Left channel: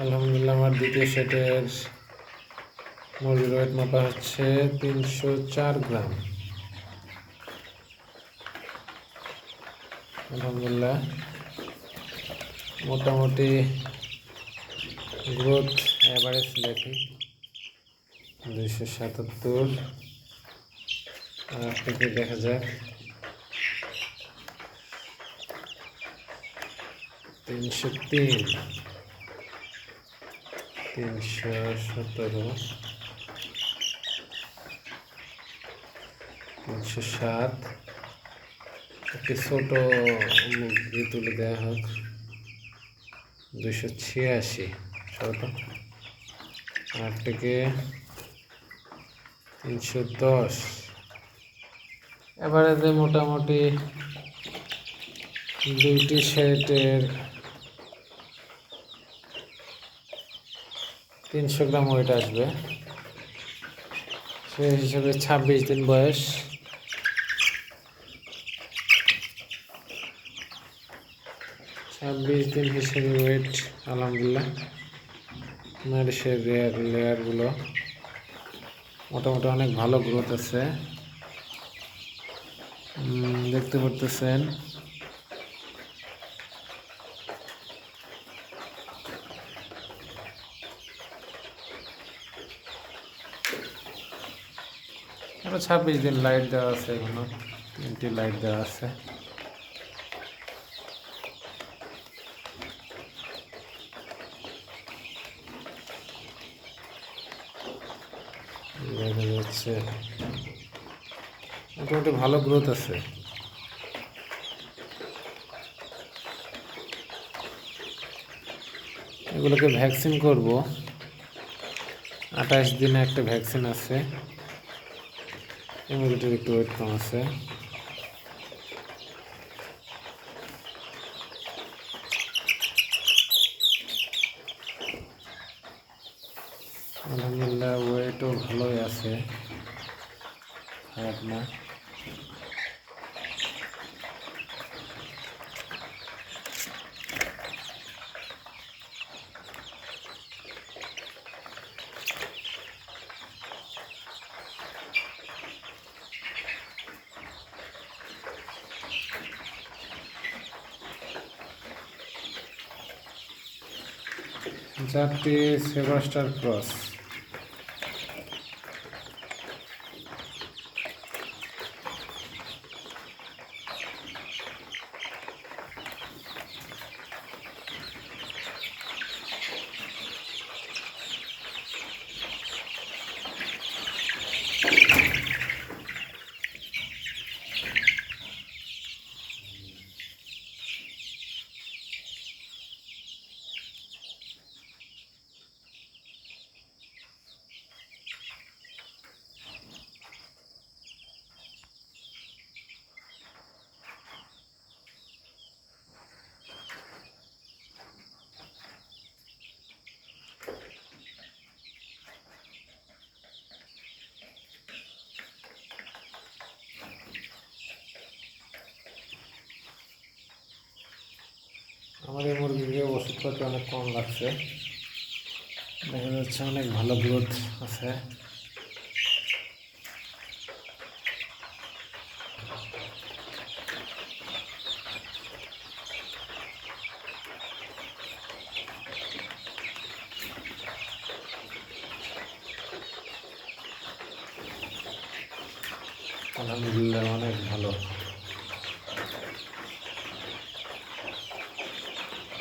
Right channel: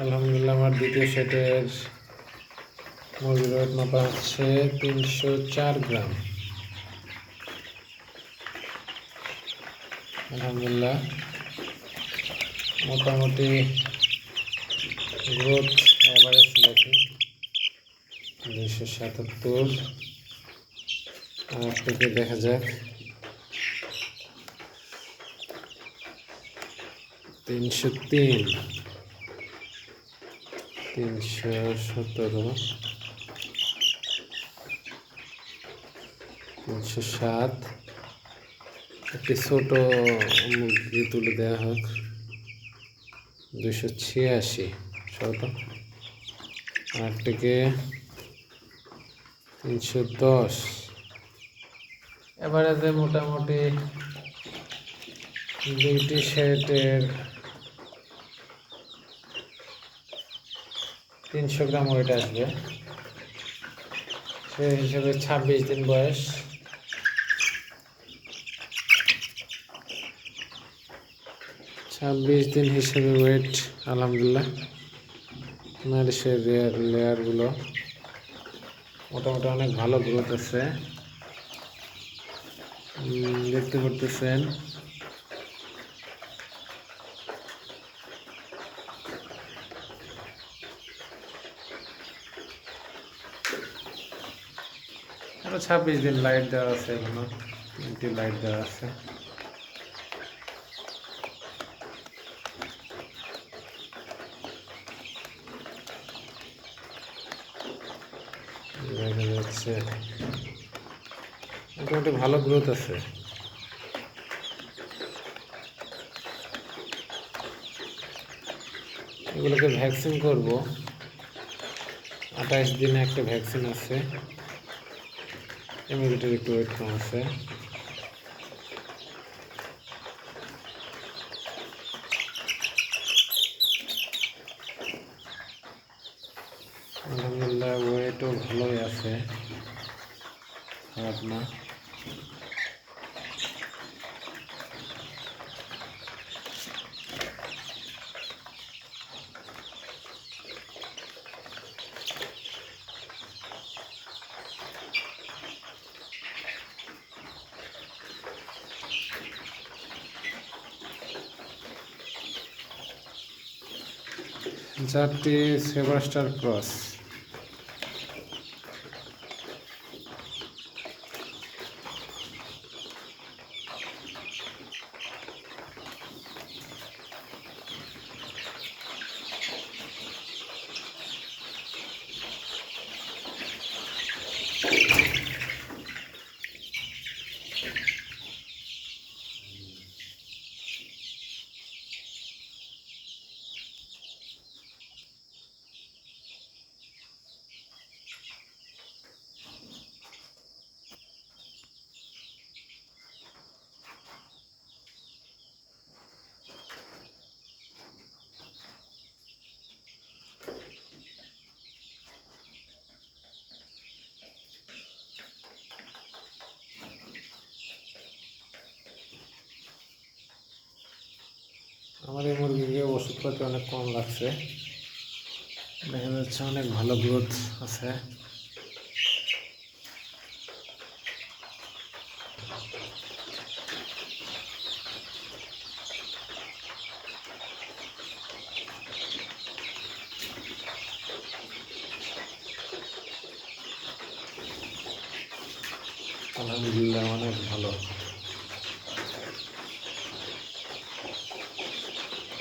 আলহামদুলিল্লাহ, আমার দ্বিতীয় সেটের মুরগির ওয়েট মাপা হচ্ছে তিনশো চার গ্রাম। আলহামদুলিল্লাহ, মোটামুটি গ্রোথ অ্যাভারেজ দেখি। দুইশো সাতাত্তর। থেকে দেখা যাক। তিনশো তিন। তিনশো সতেরো, তিনশো সাত। একটি ছোট মুরগি তুলে দেওয়া হোক। দুশো ছিয়াশি শত আট থেকে তিনশো দশ। এবারে মোটামুটি দুইটি সেটের তিনশো গ্রাম ওয়েট আসবে। সেই হিসাবে ছাব্বিশ দিন বয়স। ছাব্বিশ দিন হিসেবে ওয়েট আলহামদুলিল্লাহ। নারিশের লেয়ার লেয়ারগুলো মোটামুটি অনেক ভালো গ্রোথ আছে। দেখতে পারতেছেন। আরও ছাব্বিশ দিন লাইট দেওয়া আছে এখনও, তিনটি লাইট দেওয়া আছে। দেখা যাচ্ছে। মোটামুটি ভালো গ্রোথ আছে। এগুলোকে ভ্যাকসিন করব। আঠাশ দিনে একটা ভ্যাকসিন আছে। ইমিউনিটির একটু ওয়েট কম আছে আলহামদুলিল্লাহ ওয়েটও ভালোই আছে। খারাপ না। জাতটি সেবাস্টার ক্রস। এই মুরগিকে ওষুধপাতি অনেক কম লাগছে। দেখা যাচ্ছে অনেক ভালো গ্রোথ আছে। আলহামদুলিল্লাহ অনেক ভালো।